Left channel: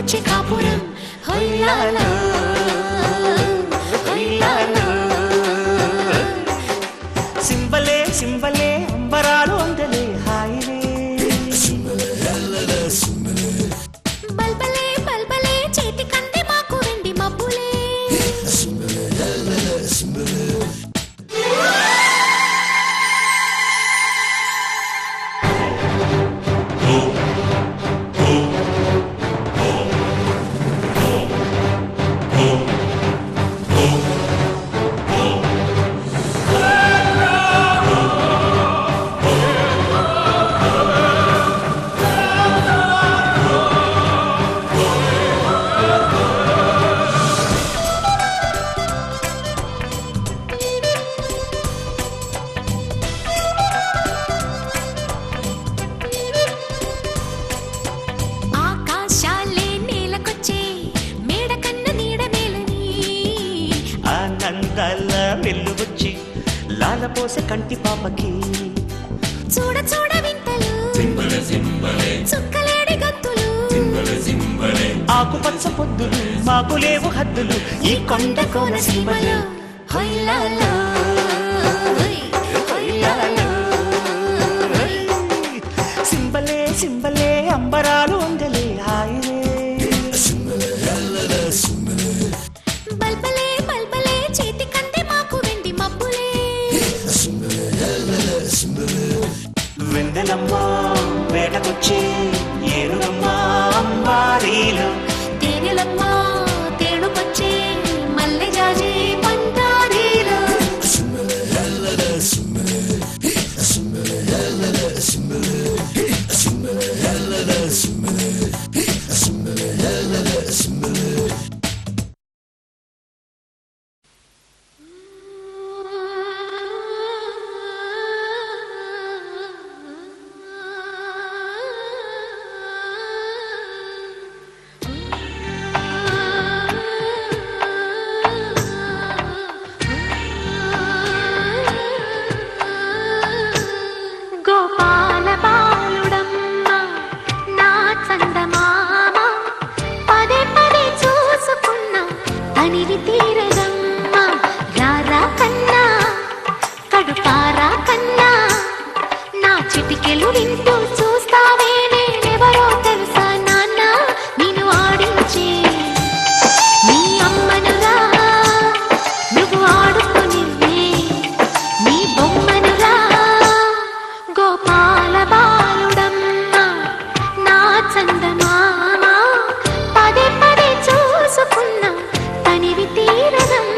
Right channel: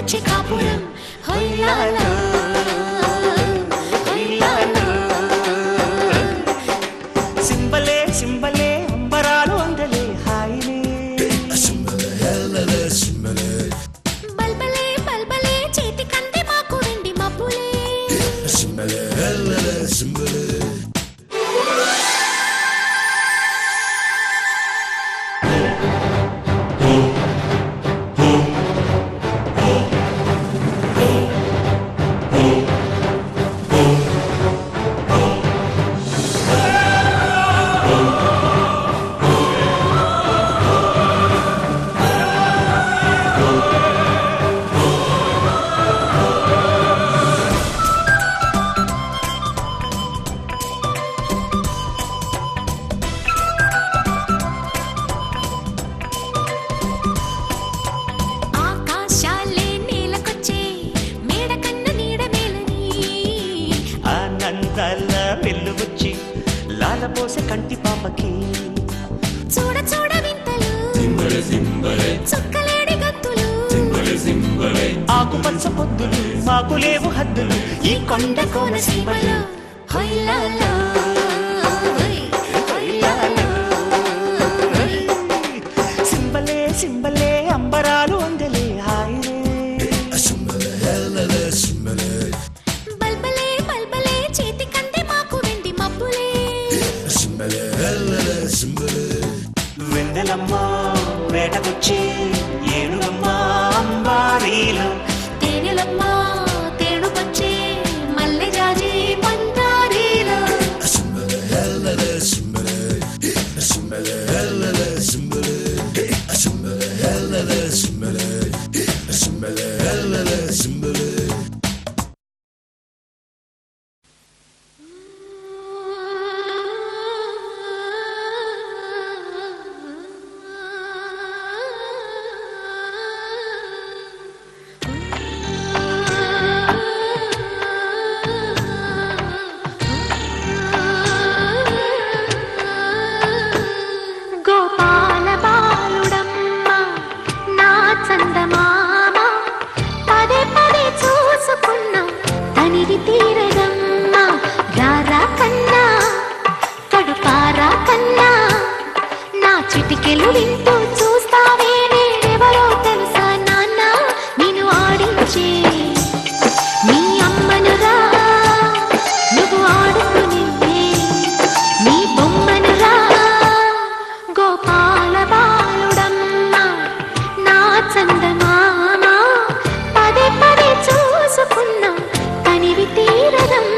వచ్చే కాపురం హొయ్యాలో హొయ్యాలో సింబలే సింబలే అంబరాలు అందలే హాయిలే బల్బలే బల్బలే చేతి కంది మాకు వెండి మబ్బులే ఆనందాల వెల్లువచ్చి లాలపోసే కంటి పాపకి చూడ చూడ వింతలు చుక్కలేడి గంతులు ఆకుపచ్చ పొద్దులు మాకు లేవు హద్దులు ఈ కొండ కోన సీమలో హొయ్యాలో హొయ్యాలో సింబలే సింబలే అంబరాలు అందలే హాయిలే బల్బలే బల్బలే చేతి కంది మాకు వెండి మబ్బులే వెందెలమ్మ వేటకొచ్చి ఏనుగమ్మ అంబారీలు తేనెలమ్మ తేనుకొచ్చే మల్లె జాజి పంతారీలు గోపాల బాలుడమ్మ నా చందమామ పదే పదే చూసుకున్న తనివి తీరదమ్మ రారా కన్నా కడుపారా కన్నా నా చిటికెలు వింటూ చూస్తావే నేనెవరో తెలుసా నాన్న నేను ఆడించే నీ అమ్మనురా నువ్వు ఆడుకుని నీ బొమ్మనురా గోపాల బాలుడమ్మ నా చందమామ పదే పదే చూసుకున్న తనివి తీరదమ్మ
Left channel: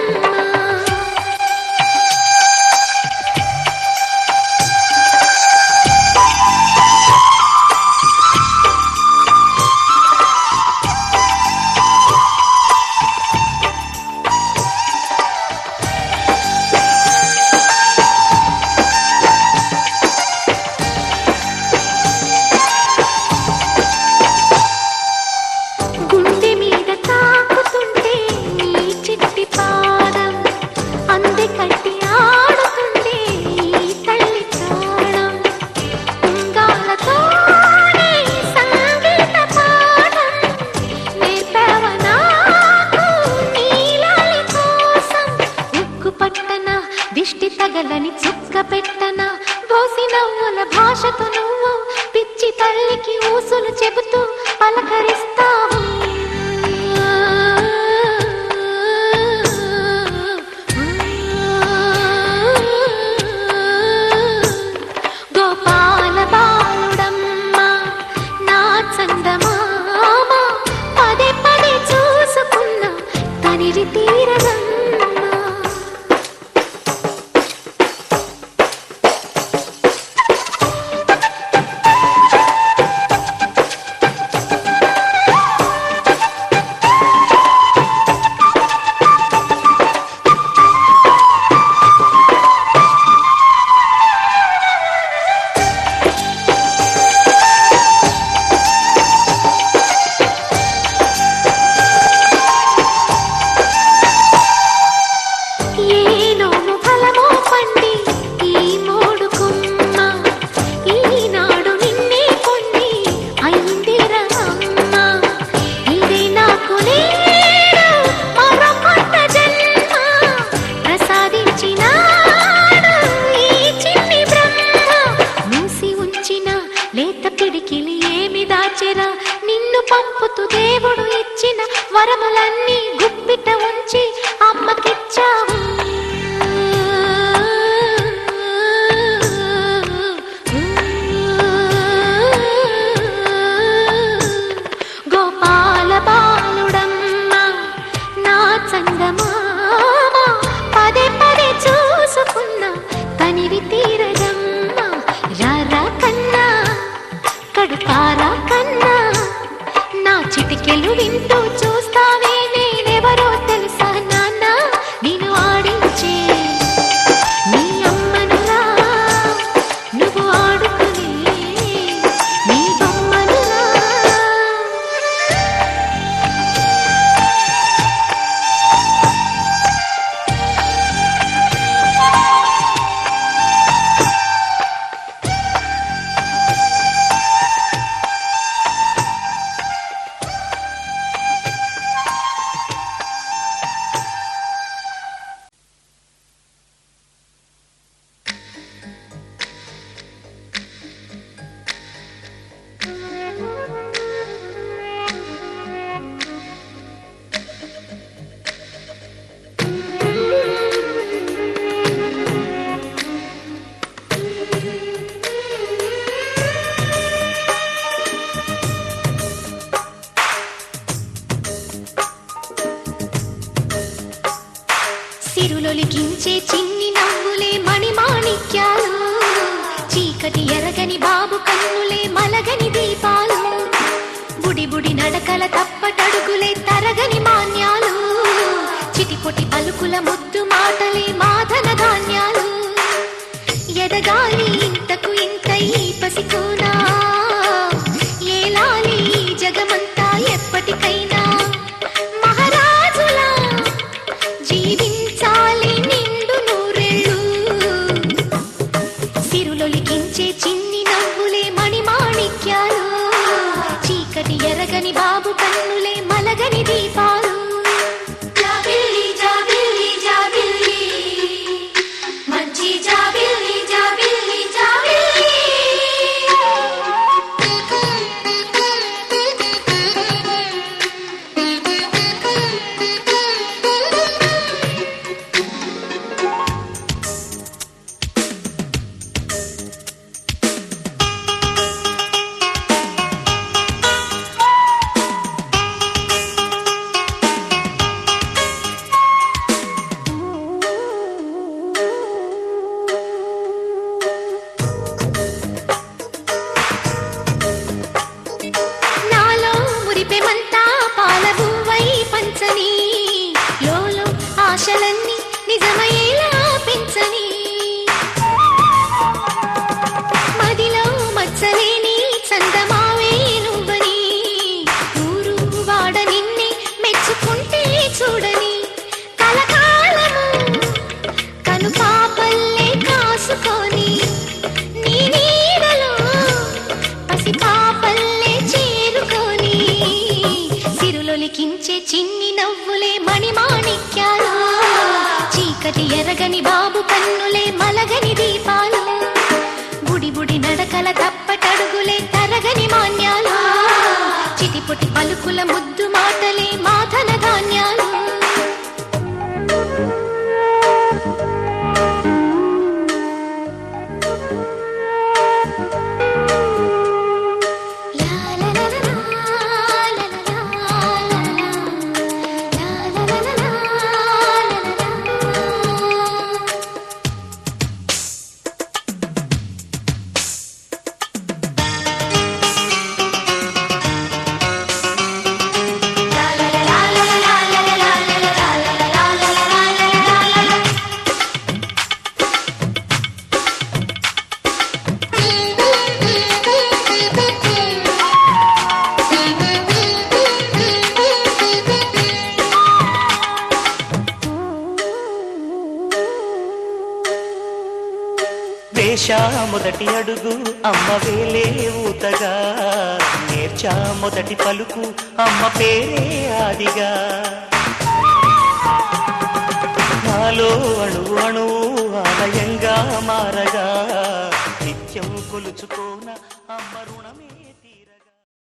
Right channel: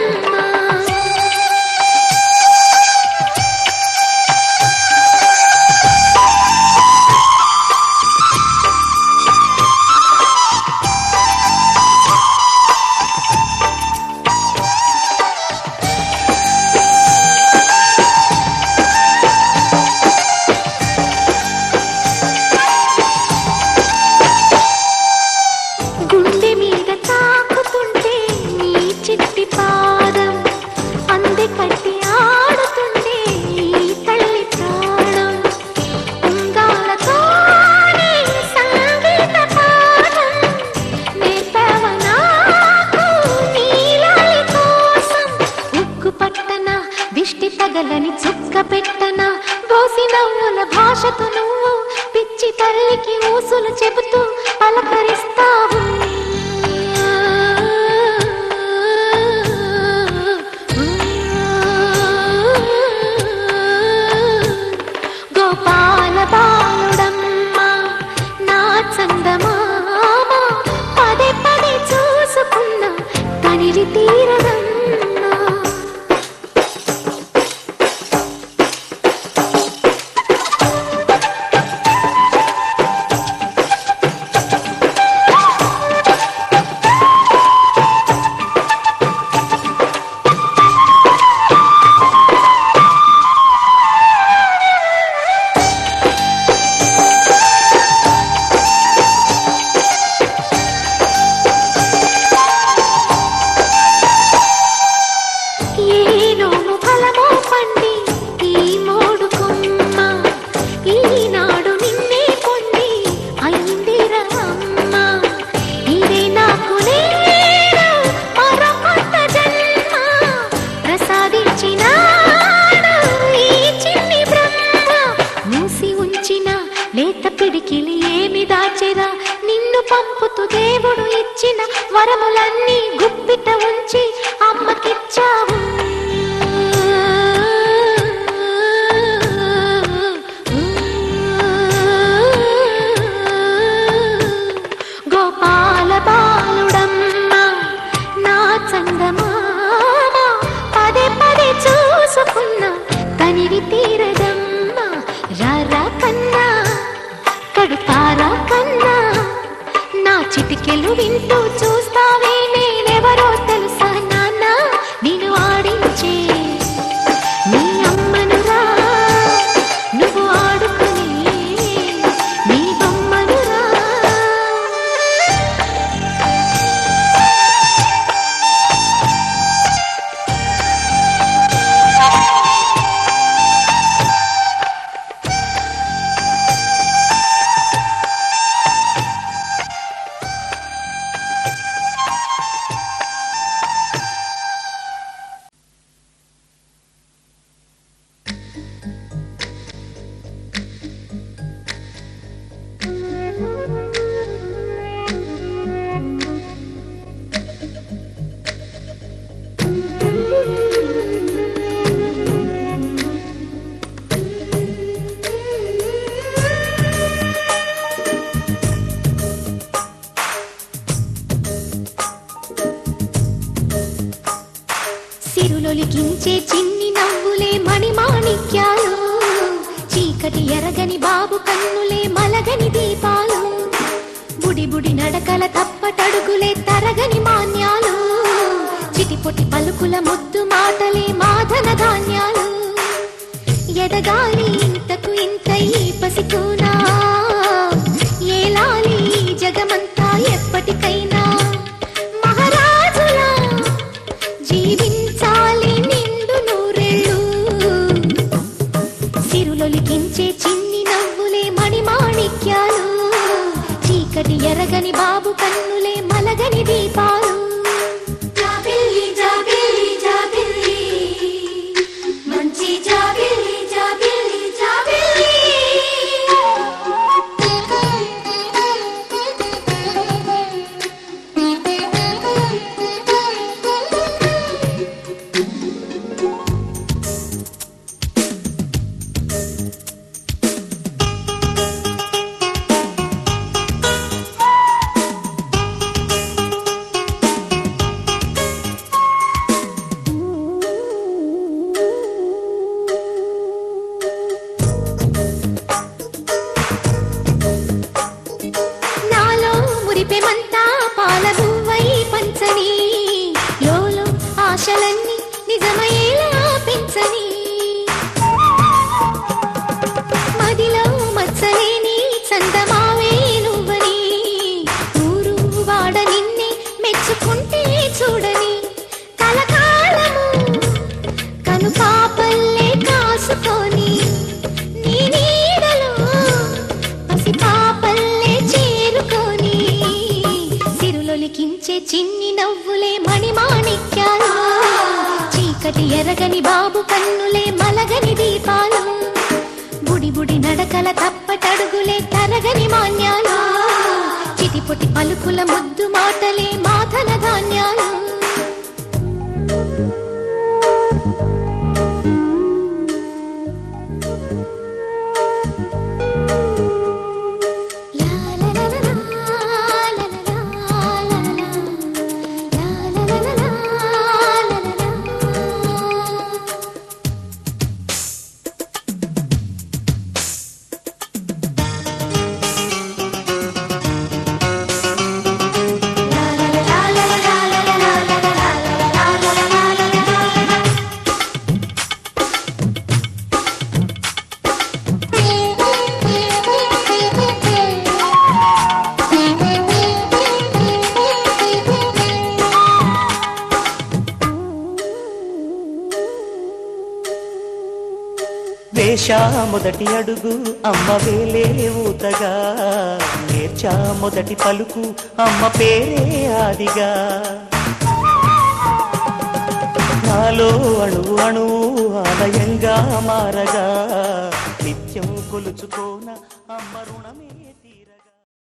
గుండె మీద తాకుతుంటే నీ చిట్టి పాదం అంది కట్టి ఆడుతుండే ఈ తల్లి ప్రాణం ఉంగాలతోనే సంగీత పాఠం నేర్పావ నాకు నీలాలి కోసం ఉక్కు పట్టన దిష్టి తగలని చుక్క పెట్టన దోసి నవ్వుల భాషతో నువ్వు పిచ్చి తల్లికి ఊసులు చెబుతూ పలకరిస్తావు గోపాల బాలుడమ్మ నా చందమామ పదే పదే చూసుకున్న తనివి తీరదమ్మ లేత పిడికిలి ఏమి దాచెరా నిన్ను పంపుతూ దేవుడు ఇచ్చిన వరములన్నీ గుప్పిట ఉంచి అమ్మకిచ్చావు గోపాల బాలుడమ్మ నా చందమామ పదే పదే చూసుకున్నా తనివి తీరదమ్మా రారా కన్నా కడుతారా కన్నా నా చిటికెలు వింటూ చూస్తావే నేనెవరో తెలుసా నాన్న నేను ఆడించే నీ అమ్మనురా నువ్వు ఆడుకునే నీ బొమ్మనురా సిరులొలికించే చిన్ని నవ్వులే మణిమాణిక్యాలు చీకటి ఎరగని బాబు కన్నులే మలగని దీపాలు బుడి బుడి నడకల తప్పటడుగులే తరగని మాన్యాలు చిటిపొటి పలుకుల ముద్దు మాటలే మాధన ధాన్యాలు ఎదగాలి ఇంతకు ఇంత ఈ పసికోనా ఏలాలి జగమంతా ఎప్పటికైనా మహారాజులా జీవించాలి నిండు నూరెళ్ళు సిరులొలికించే చిన్ని నవ్వులే మణిమాణిక్యాలు చీకటి ఎరగని బాబు కన్నులే మలగని దీపాలు జాబిల్లి జాబిల్లి జాబిల్లి మంచి జాబిల్లి జాబిల్లి జాబిల్లి మురిపెమంతా పాలబువ్వై పంచని లోలో ఆశలన్నీ నిజమయ్యేలా పెంచని మదిలో మచ్చలేని చందమావే నువ్వని ఊరు వాడ నిన్నే మెచ్చుకుంటే చూడని కలకాలము కను పాపల్లే కాసుకొని నీ నీడలో పసి పాపల్లే చేరుకొని సిరులొలికించే చిన్ని నవ్వులే మణిమాణిక్యాలు చీకటి ఎరగని బాబు కన్నులే మలగని దీపాలు బుడి బుడి నడకల తప్పటడుగులే తరగని మాన్యాలు చిటిపొటి పలుకుల ముద్దు మాటలే మాధన ధాన్యాలు వేశా మొదటి అడుగు అమ్మ వేలే ఊతగా నేర్చా మొదటి పలుకు అమ్మ పేరే ఆదిగా నాలో అణువు అణువు ఆలయంగా మారగా నిత్యం కొలుచుకోన అమ్మ రుణమే